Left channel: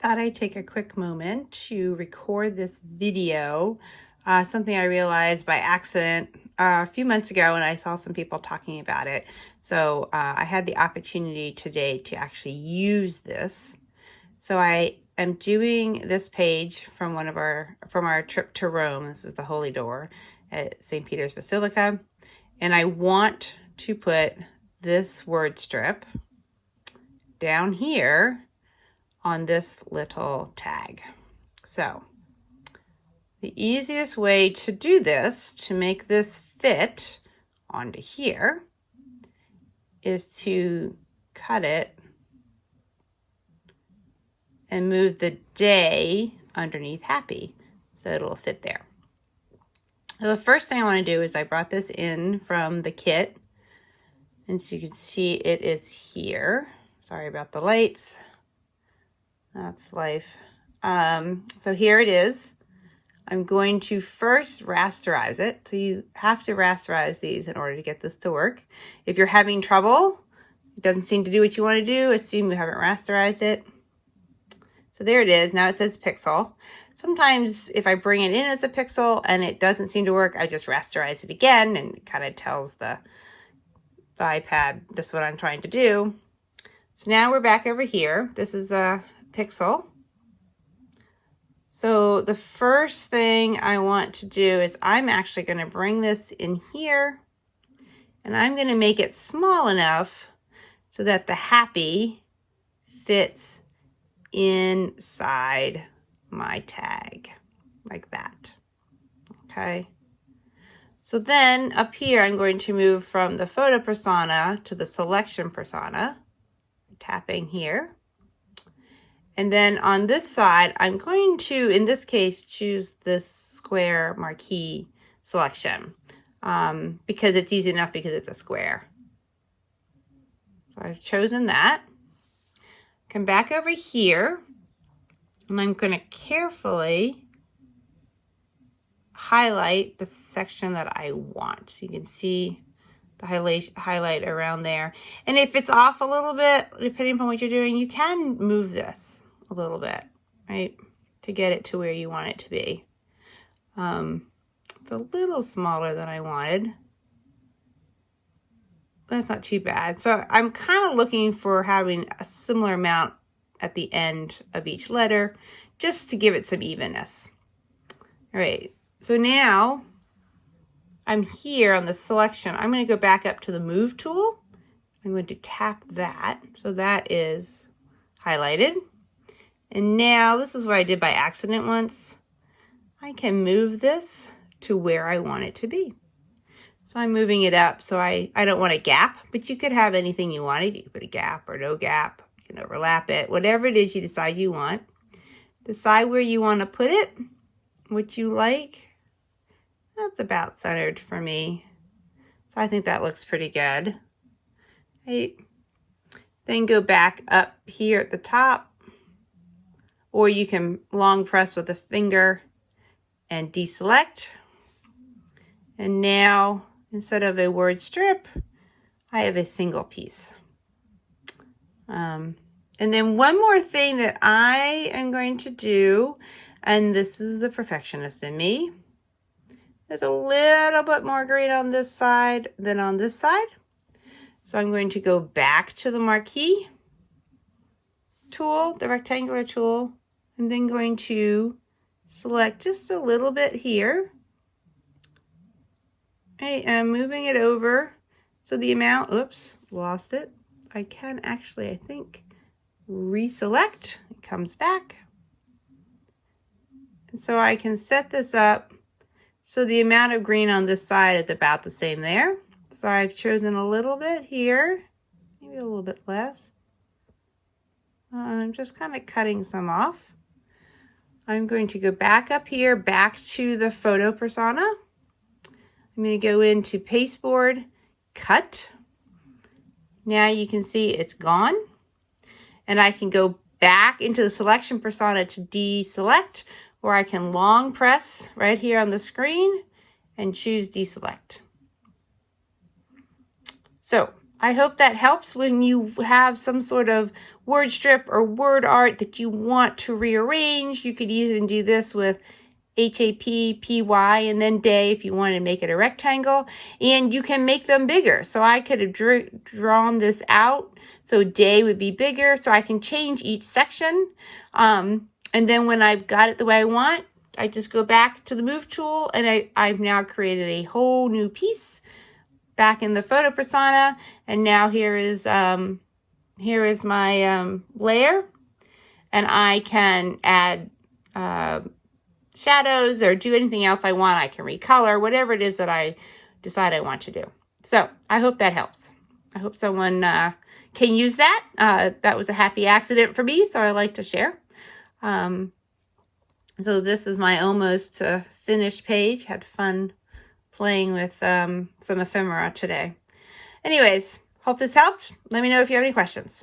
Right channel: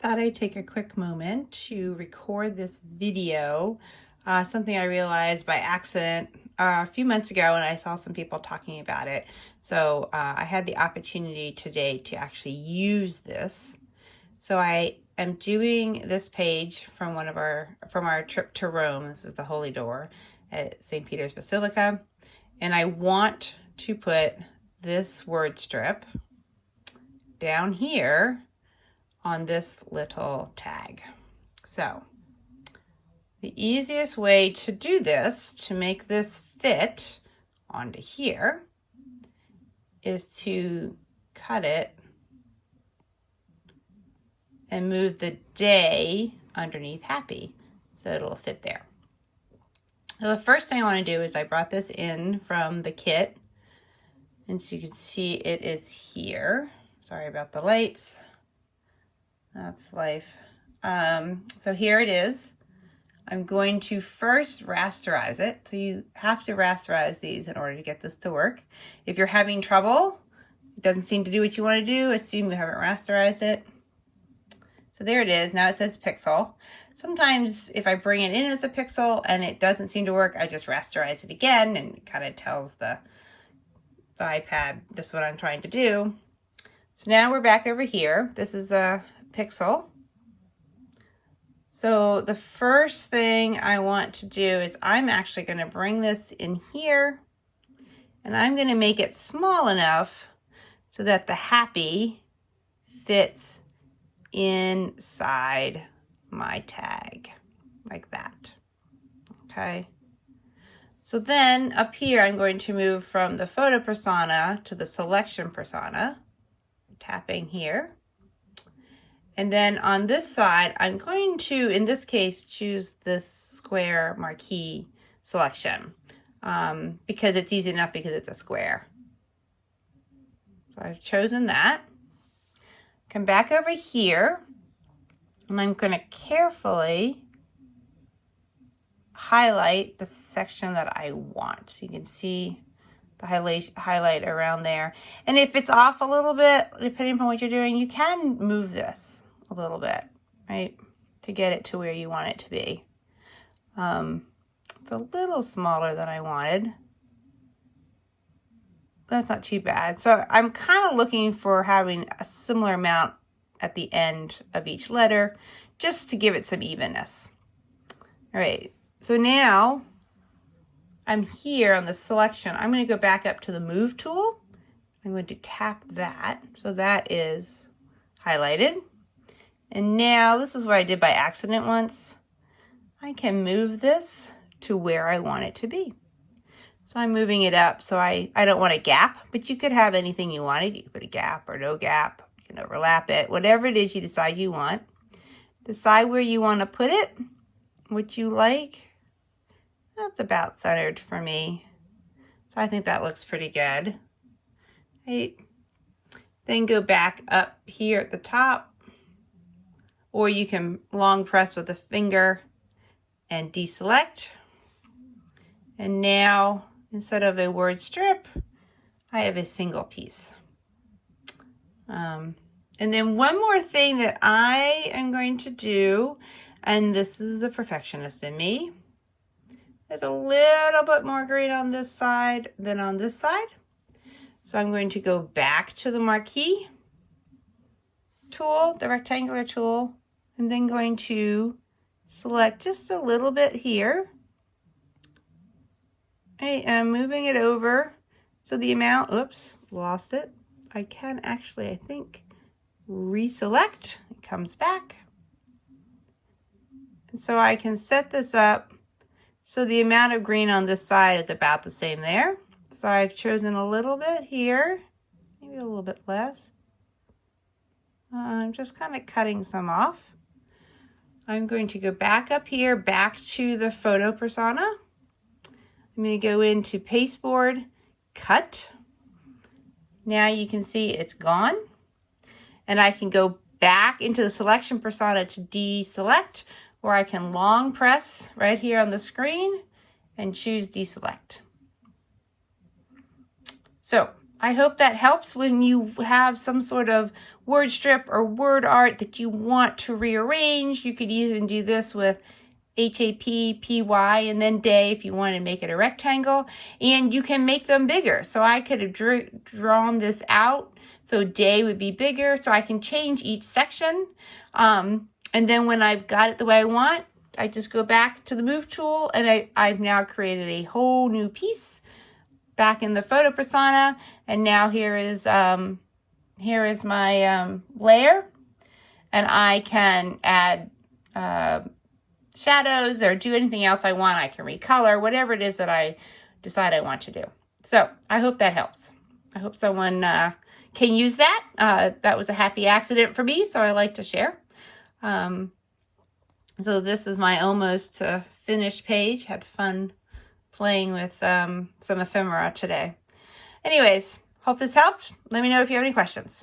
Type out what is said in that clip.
Thought I'd take a quick moment to record this video, something I realized by accident a few months ago, and I saw some people talking about it. So I had the opportunity today to actually use this. So I am doing this page from our trip to Rome. This is the Holy Door at St. Peter's Basilica, and I want to put this word strip down here on this little tag. So the easiest way to do this, to make this fit onto here, is to cut it and move the day underneath happy so it'll fit there. So the first thing I want to do is I brought this in from the kit, and so you can see it is here. Sorry about the lights. That's life. So here it is. I'm going to first rasterize it. So you have to rasterize these in order to get this to work. If you're having trouble, it doesn't seem to do what you want to do, assume you haven't rasterized it. So there it is. Now it says pixel. Sometimes if I bring it in as a pixel and it doesn't seem to work, I just rasterize it again, and it kind of tells the iPad this is what I'm trying to do. So now we're back over here. This is a pixel. So the first thing I want to do is I'm actually going to bring this in here, and I'm going to make it small enough so that the happy fits inside my tag like that. Okay. So then up here, I'm going to move from the photo persona to the selection persona, tapping here. And then on this side, I'm going to, in this case, choose this square marquee selection because it's easy enough because it's a square. So I've chosen that. Come back over here, and I'm going to carefully highlight the section that I want. So you can see the highlight around there. And if it's off a little bit, depending upon what you're doing, you can move this a little bit, right, to get it to where you want it to be. It's a little smaller than I wanted. That's not too bad. So I'm kind of looking for having a similar amount at the end of each letter, just to give it some evenness. All right, so now I'm here on the selection. I'm going to go back up to the move tool. I'm going to tap that. So that is highlighted. And now this is what I did by accident once. I can move this to where I want it to be. So I'm moving it up. So I don't want a gap, but you could have anything you wanted. You could put a gap or no gap. You can overlap it. Whatever it is you decide you want. Decide where you want to put it, what you like. That's about centered for me. So I think that looks pretty good. Right. Then go back up here at the top. Or you can long press with a finger and deselect. And now, instead of a word strip, I have a single piece. And then one more thing that I am going to do, and this is the perfectionist in me. There's a little bit more green on this side than on this side. So I'm going to go back to the marquee tool, the rectangular tool. I'm then going to select just a little bit here. Right, and I'm moving it over. So the amount, oops, lost it. I can actually, I think, reselect. It comes back. And so I can set this up so the amount of green on this side is about the same there. So I've chosen a little bit here, maybe a little bit less. I'm just kind of cutting some off. I'm going to go back up here, back to the photo persona. I'm going to go into pasteboard, cut. Now you can see it's gone. And I can go back into the selection persona to deselect, or I can long press right here on the screen and choose deselect. So I hope that helps when you have some sort of word strip or word art that you want to rearrange. You could even do this with HAPPY and then day if you want to make it a rectangle, and you can make them bigger. So I could have drawn this out so day would be bigger, so I can change each section. And then when I've got it the way I want, I just go back to the move tool, and I've now created a whole new piece back in the photo persona. And now here is my layer, and I can add shadows or do anything else I want. I can recolor, whatever it is that I decide I want to do. So I hope that helps. I hope someone can use that. That was a happy accident for me, so I like to share. So this is my almost finished page. Had fun playing with some ephemera today. Anyways, hope this helped. Let me know if you have any questions.